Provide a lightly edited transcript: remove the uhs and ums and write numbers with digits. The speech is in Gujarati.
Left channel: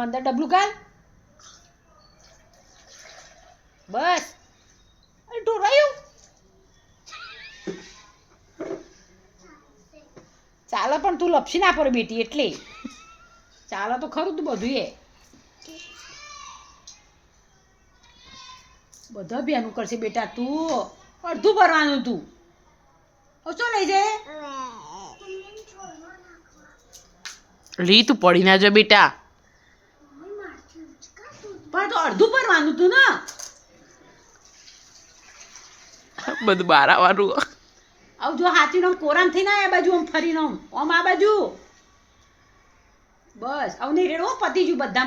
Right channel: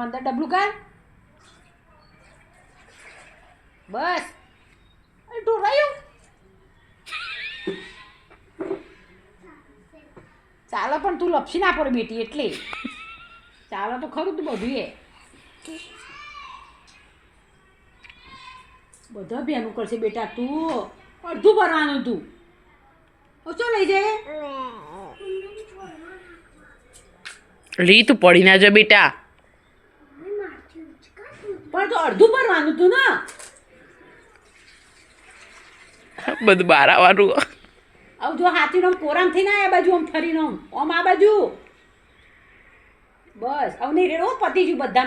અંદર ડબલું કર બસ ઢોરાયું ચાલો પણ તું લપસી ના પડે બેટી એટલે ચાલો તો ખરું તું બધું એ બધા બેનું કરશે બેટા તું અડધું ભરવાનું તું ઓછો લઈ જાય રી તું પડી ના જા બેટા પણ તો અડધું ભરવાનું તું ને બધું બહાર આવવાનું આવ જો હાથીનો કોરામ થઈ ના આ બાજુ આમ ફરીને આમ આ બાજુ બસ હવે નહીં રેડો પતી ગયું બધા